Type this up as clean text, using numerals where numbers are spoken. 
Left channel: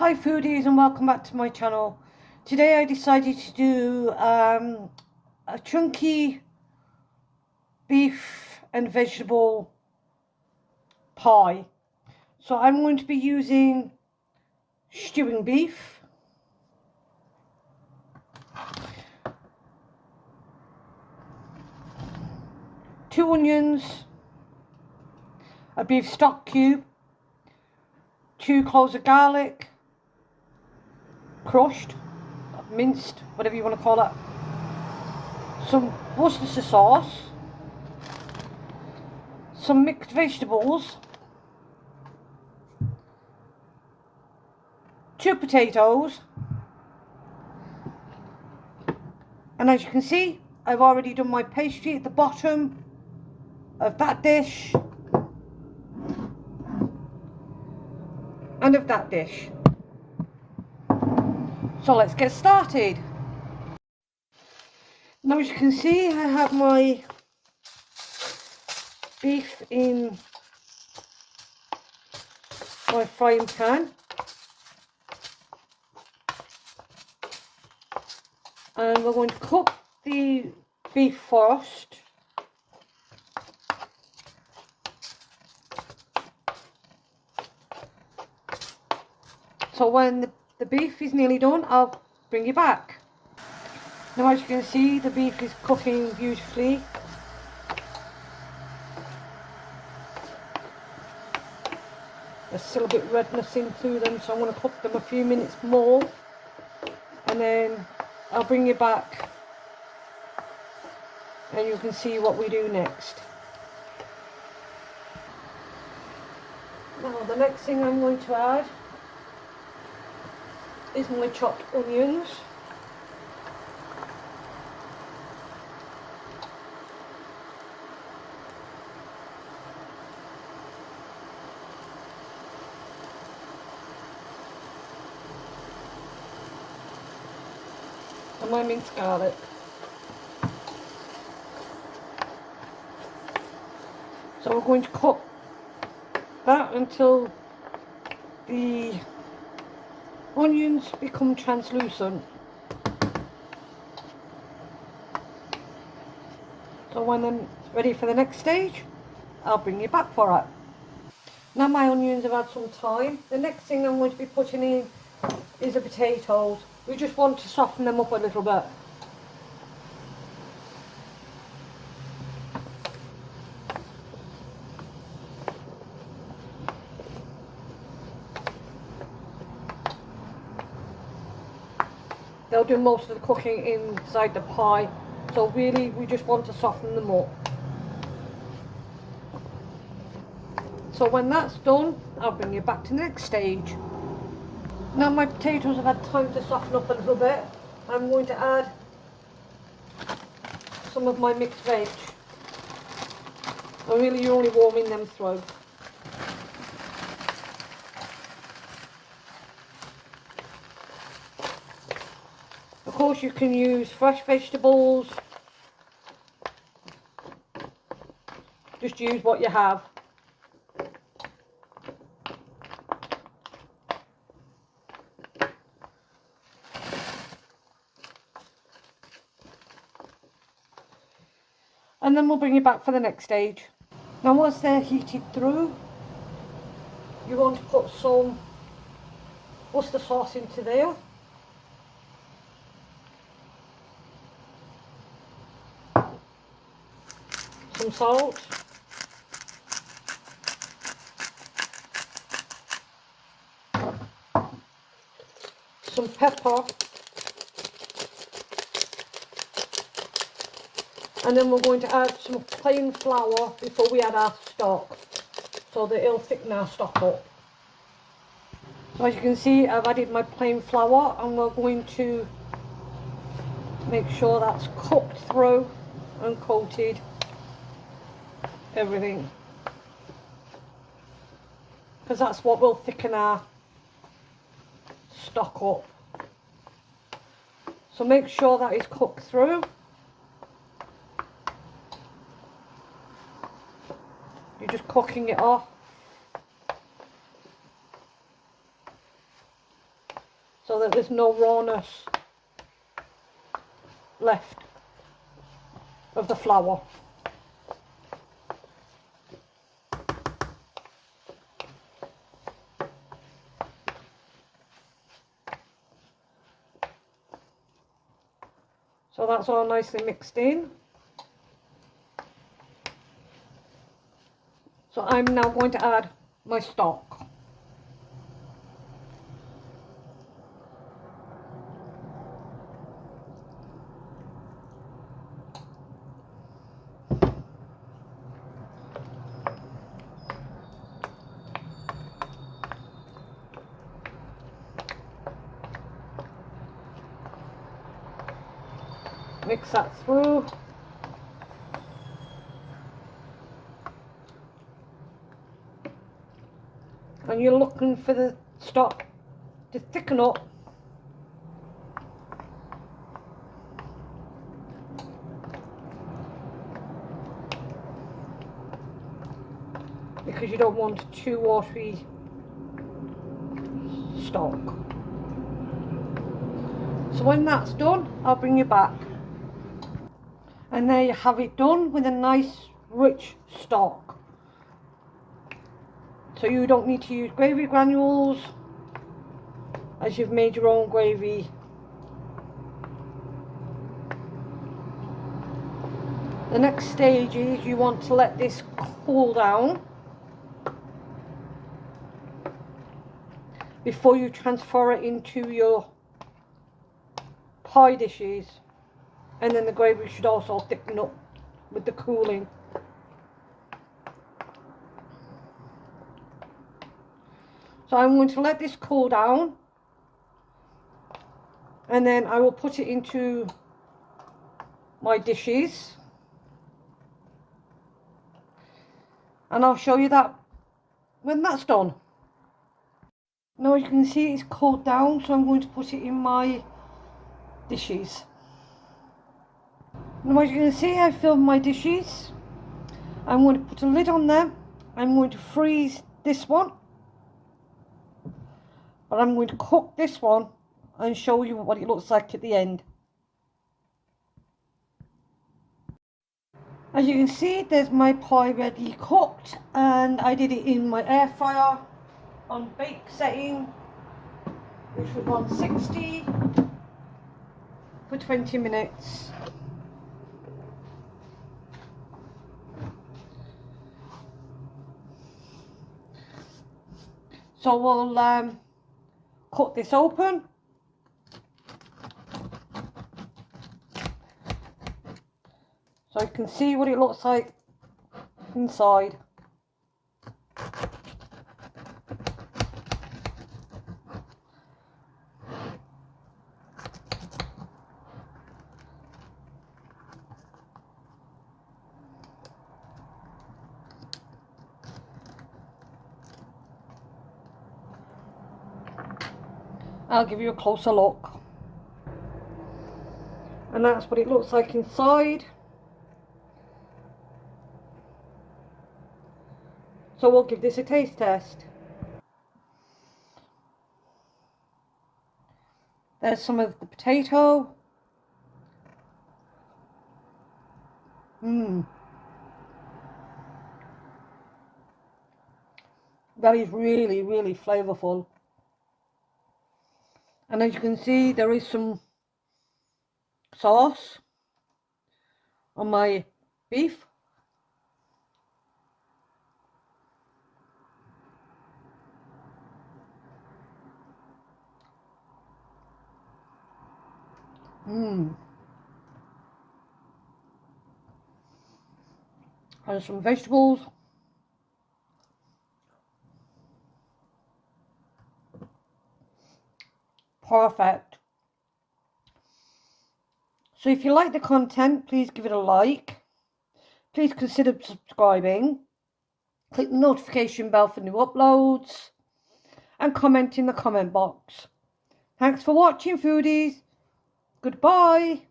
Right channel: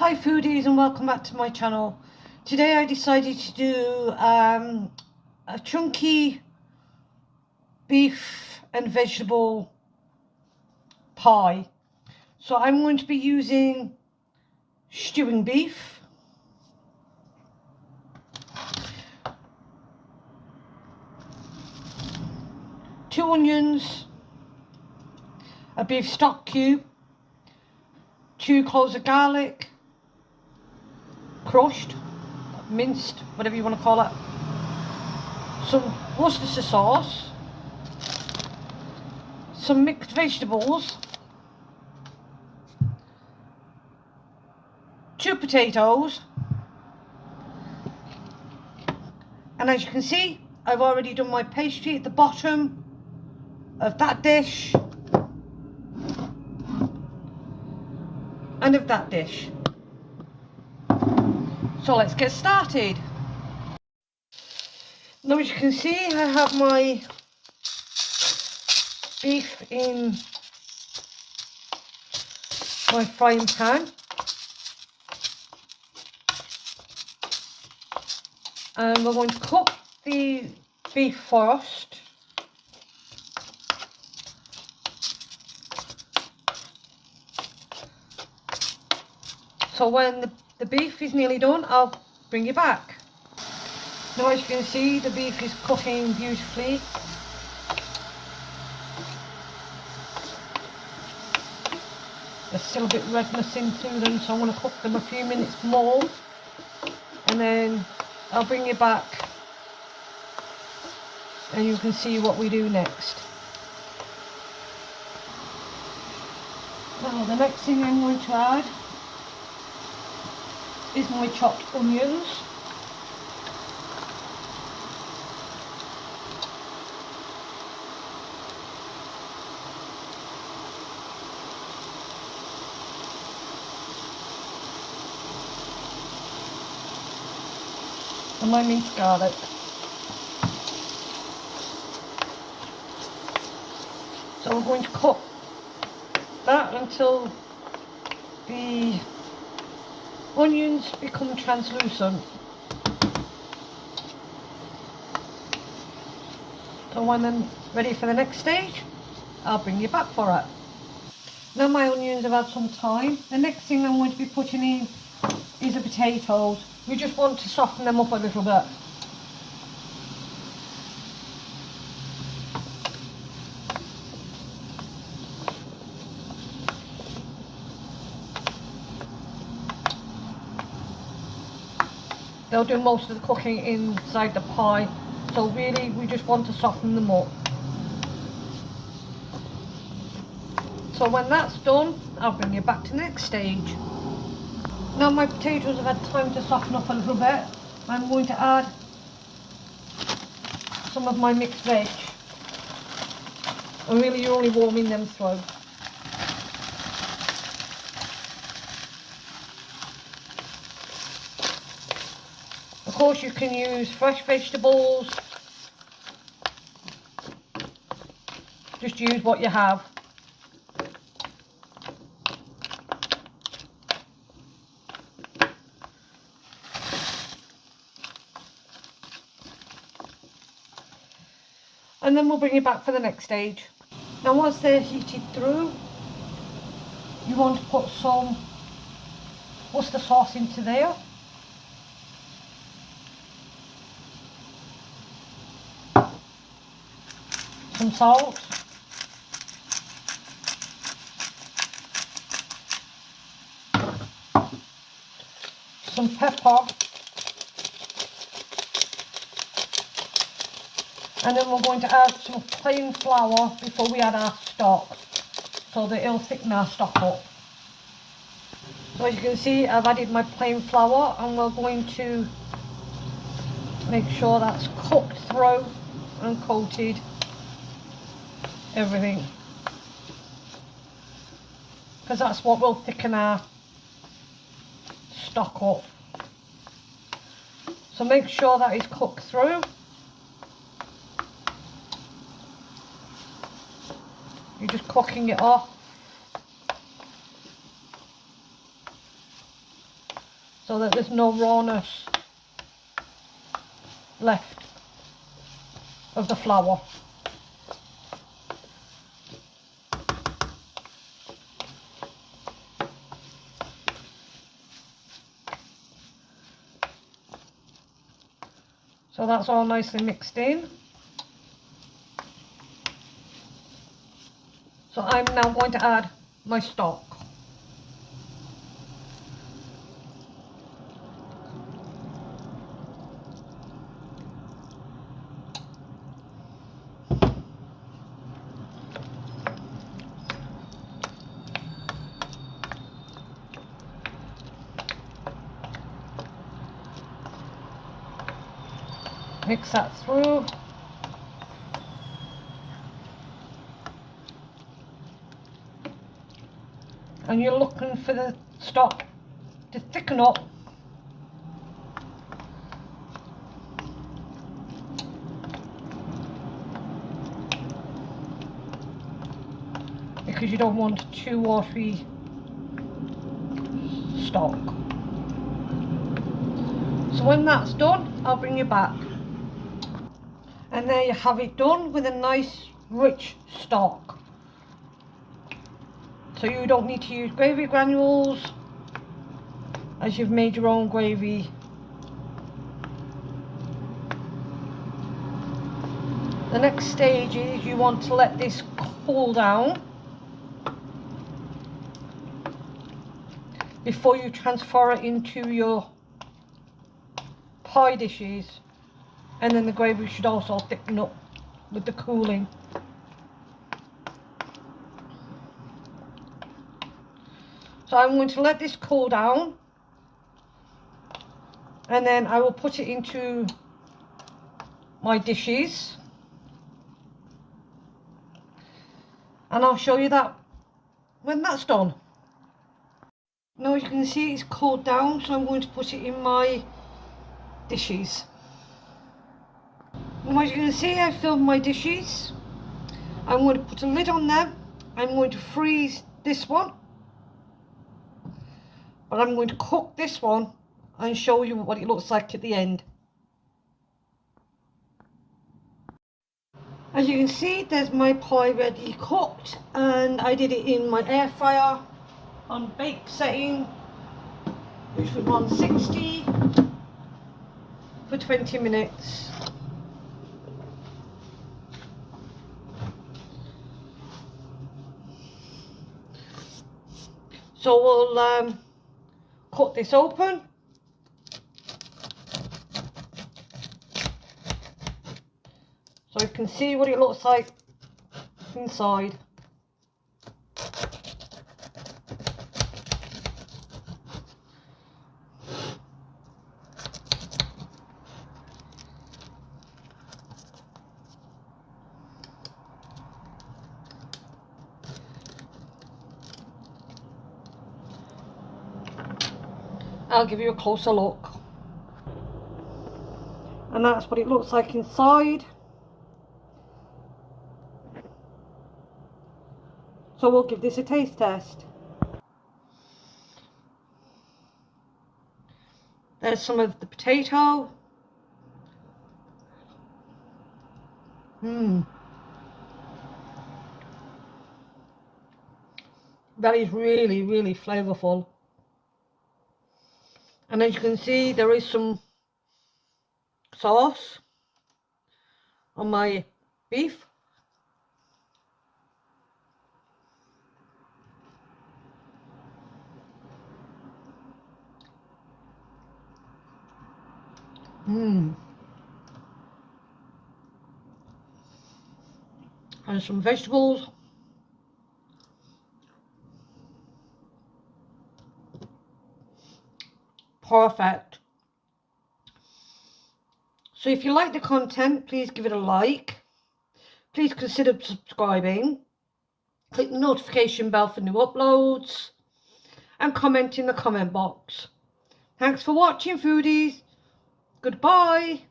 Hi foodies and welcome back to my channel. Today I decided to do a chunky beef and vegetable pie. So I'm going to be using stewing beef, two onions, a beef stock cube, 2 cloves of garlic, crushed, minced, whatever you want to call it, some Worcestershire sauce, some mixed vegetables, 2 potatoes, and as you can see I've already done my pastry at the bottom of that dish and of that dish. So let's get started. Now as you can see I have my beef in my frying pan, and we're going to cook the beef first. So when the beef is nearly done, I'll bring you back. Now as you can see the beef is cooking beautifully. There's still a bit of redness in through them, so I want to cook them a few minutes more and then I'll bring you back and you can see what we do next. Now the next thing I'm going to add is my chopped onions. And my minced garlic. So I'm going to cook that until the onions become translucent. So when I'm ready for the next stage, I'll bring you back for it. Now my onions have had some time. The next thing I'm going to be putting in is the potatoes. We just want to soften them up a little bit. They'll do most of the cooking inside the pie, so really we just want to soften them up. So when that's done, I'll bring you back to the next stage. Now my potatoes have had time to soften up a little bit. I'm going to add some of my mixed veg. And really you're only warming them through. Of course you can use fresh vegetables. Just use what you have. And then we'll bring you back for the next stage. Now once they're heated through, you want to put some Worcestershire sauce into there. Some salt. Some pepper. And then we're going to add some plain flour before we add our stock, so that it'll thicken our stock up. So as you can see, I've added my plain flour and we're going to make sure that's cooked through and coated everything, because that's what will thicken our stock up. So make sure that is cooked through. You're just cooking it off. so that there's no rawness left of the flour. So that's all nicely mixed in. So I'm now going to add my stock. Mix that through. And you're looking for the stock to thicken up. Because you don't want too watery stock. So when that's done, I'll bring you back. And there you have it done with a nice rich stock. So you don't need to use gravy granules, as you've made your own gravy. The next stage is you want to let this cool down before you transfer it into your pie dishes, and then the gravy should also thicken up with the cooling. So I'm going to let this cool down, and then I will put it into my dishes, and I'll show you that when that's done. Now as you can see, it's cooled down, so I'm going to put it in my dishes. Now as you can see, I filled my dishes. I'm going to put a lid on them. I'm going to freeze this one, but I'm going to cook this one and show you what it looks like at the end. As you can see, there's my pie ready cooked, and I did it in my air fryer on bake setting, which was 160 for 20 minutes. So we'll cut this open. So you can see what it looks like inside. I'll give you a closer look. And that's what it looks like inside. So we'll give this a taste test. There's some of the potato. That is really, really flavourful. And as you can see, there is some sauce on my beef. And some vegetables. Perfect. So if you like the content, please give it a like. Please consider subscribing. Click the notification bell for new uploads. And comment in the comment box. Thanks for watching, foodies. Goodbye.